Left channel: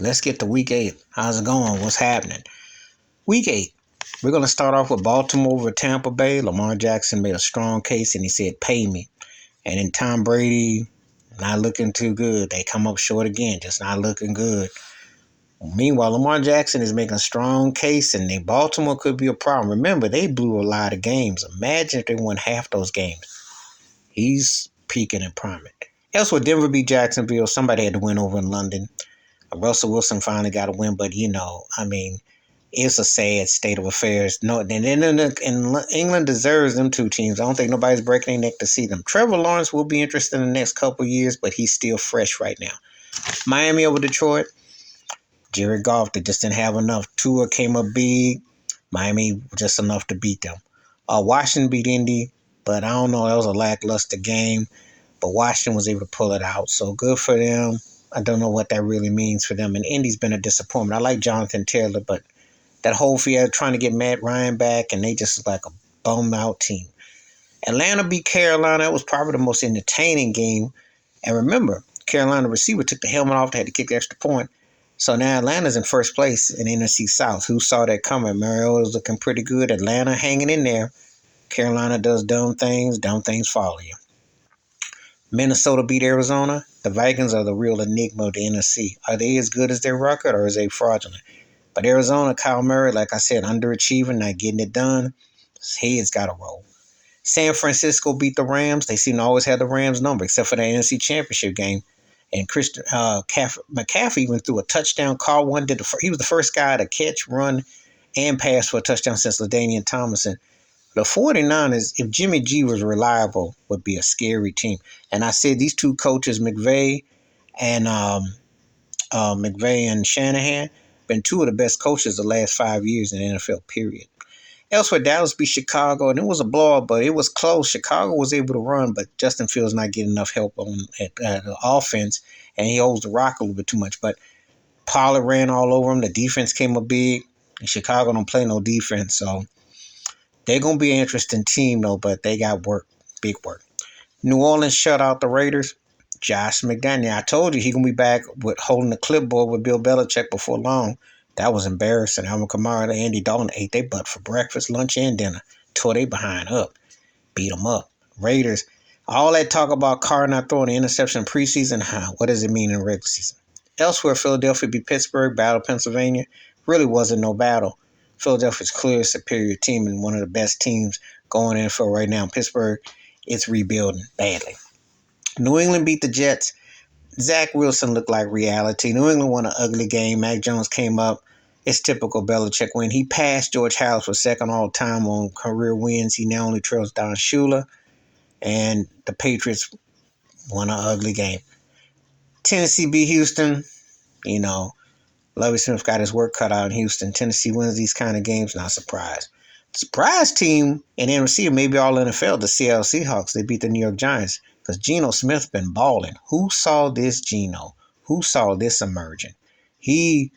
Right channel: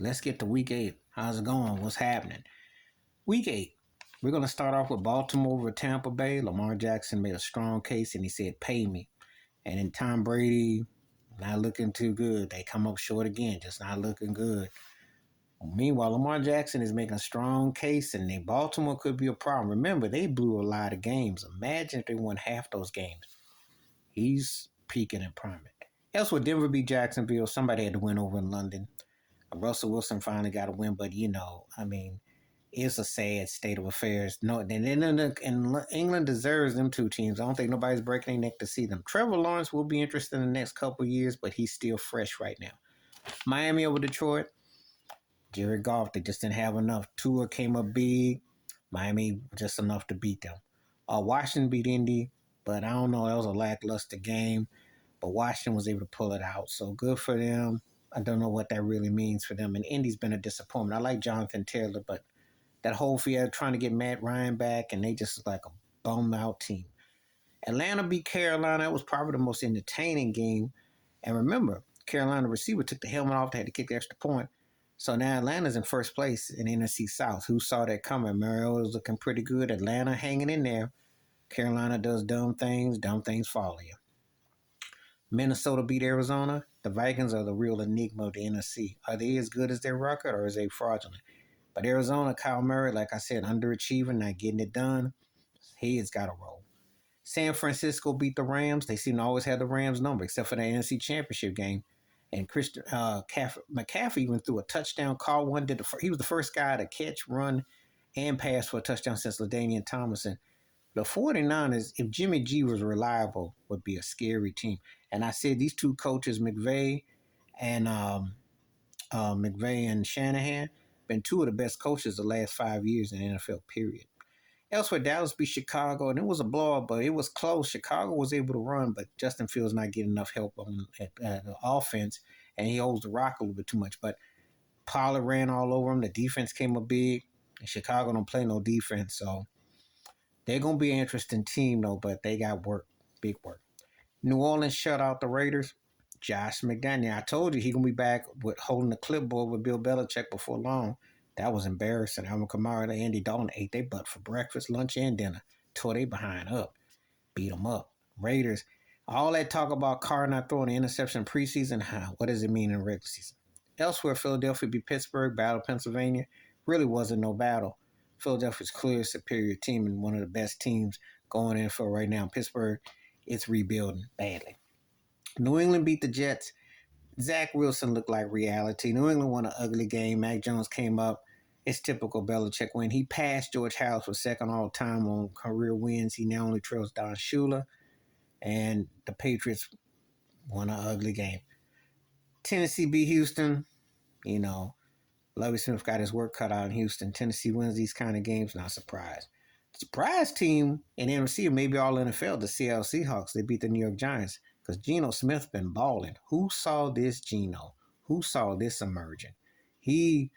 Let's get to week 8. How's it going? What's happening? Week 8. We're going to start off with Baltimore over Tampa Bay. Lamar Jackson made a strong case and he said, pay me. And then Tom Brady, not looking too good. They come up short again, just not looking good. Meanwhile, Lamar Jackson is making a strong case, and Baltimore could be a problem. Remember, they blew a lot of games. Imagine if they won half those games. He's peaking and priming. Elsewhere, Denver beat Jacksonville. Somebody had to win over in London. Russell Wilson finally got a win, but it's a sad state of affairs. No, and England deserves them two teams. I don't think nobody's breaking their neck to see them. Trevor Lawrence will be interested in the next couple of years, but he's still fresh right now. Miami over Detroit. Jared Goff, they just didn't have enough. Tua came up big. Miami just enough to beat them. Washington beat Indy, but I don't know. That was a lackluster game. But Washington was able to pull it out. So good for them. I don't know what that really means for them. And Indy's been a disappointment. I like Jonathan Taylor, but that whole field trying to get Matt Ryan back, and they just like a bum-out team. Atlanta beat Carolina. That was probably the most entertaining game. And remember, Carolina receiver took the helmet off. They had to kick the extra point. So now Atlanta's in first place in NFC South. Who saw that coming? Mariota's looking pretty good. Atlanta hanging in there. Carolina does dumb things. Dumb things follow you. Minnesota beat Arizona. The Vikings are the real enigma of the NFC. Are they as good as their record, or is they fraudulent? But Arizona, Kyle Murray, like I said, underachieving, not getting it done. His head's got to roll. San Francisco beat the Rams. They seem to always have the Rams number, except for the NFC Championship game. And Christian McCaffrey even threw a touchdown. Call one. He was the first guy to catch, run, and pass for a touchdown since LaDainian Tomlinson. The 49ers, if Jimmy G was reliable, would be a scary team. And I said these two coaches, McVay and Shanahan, been two of the best coaches the last 5 years in the NFL, period. Elsewhere, Dallas beat Chicago, and it was a blowout, but it was close. Chicago was able to run, but Justin Fields not getting enough help at the offense, and he holds the rock a little bit too much. But Pollard ran all over him. The defense came up big. And Chicago don't play no defense, so they're going to be an interesting team, though, but they got work, big work. New Orleans shut out the Raiders. Josh McDaniel, I told you he going to be back with holding the clipboard with Bill Belichick before long. That was embarrassing. Alvin Kamara and Andy Dalton ate their butt for breakfast, lunch, and dinner. Tore they behind up. Beat them up. Raiders, all that talk about Carr not throwing an interception preseason, what does it mean in regular season? Elsewhere, Philadelphia beat Pittsburgh, battle Pennsylvania. Really wasn't no battle. Philadelphia's clear superior team and one of the best teams going in for right now. Pittsburgh, it's rebuilding badly. New England beat the Jets. Zach Wilson looked like reality. New England won an ugly game. Mac Jones came up. It's typical Belichick win. He passed George Halas for second all time on career wins. He now only trails Don Shula. And the Patriots won an ugly game. Tennessee beat Houston. Lovie Smith got his work cut out in Houston. Tennessee wins these kind of games, not surprised. The surprise team in NFC, maybe all NFL, the Seattle Seahawks. They beat the New York Giants because Geno Smith been balling. Who saw this Geno? Who saw this emerging? He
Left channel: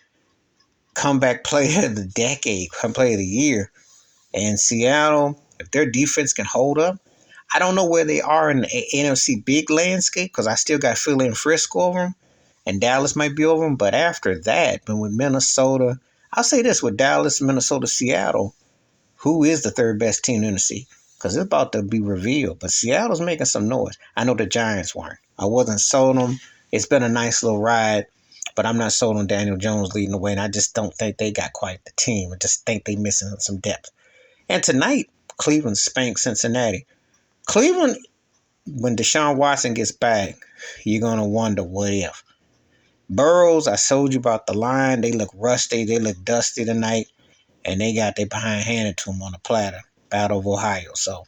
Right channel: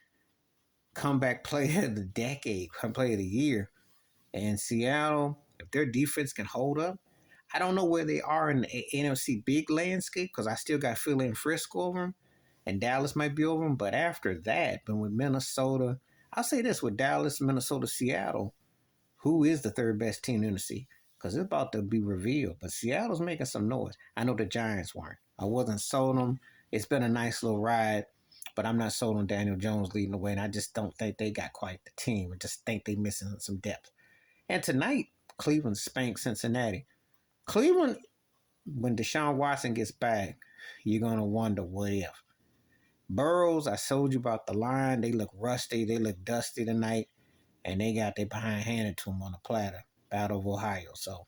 comeback player of the decade, player of the year. And Seattle, if their defense can hold up, I don't know where they are in the NFC big landscape because I still got Philly and Frisco over them. And Dallas might be over them. But after that, but with Minnesota, I'll say this, with Dallas, Minnesota, Seattle, who is the third best team in the NFC? Because it's about to be revealed. But Seattle's making some noise. I know the Giants weren't. I wasn't sold on them. It's been a nice little ride. But I'm not sold on Daniel Jones leading the way. And I just don't think they got quite the team. I just think they're missing some depth. And tonight, Cleveland spanked Cincinnati. Cleveland, when Deshaun Watson gets back, you're going to wonder what if. Burrows, I told you about the line. They look rusty. They look dusty tonight. And they got their behind handed to them on a platter. Battle of Ohio. So,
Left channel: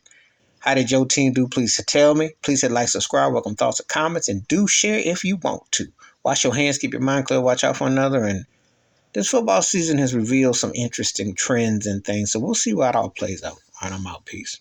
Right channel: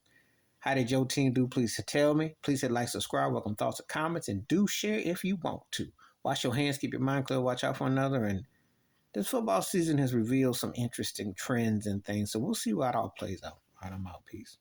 how did your team do? Please tell me. Please hit like, subscribe, welcome thoughts and comments, and do share if you want to. Wash your hands, keep your mind clear, watch out for another. And this football season has revealed some interesting trends and things. So we'll see how it all plays out. All right, I'm out. Peace.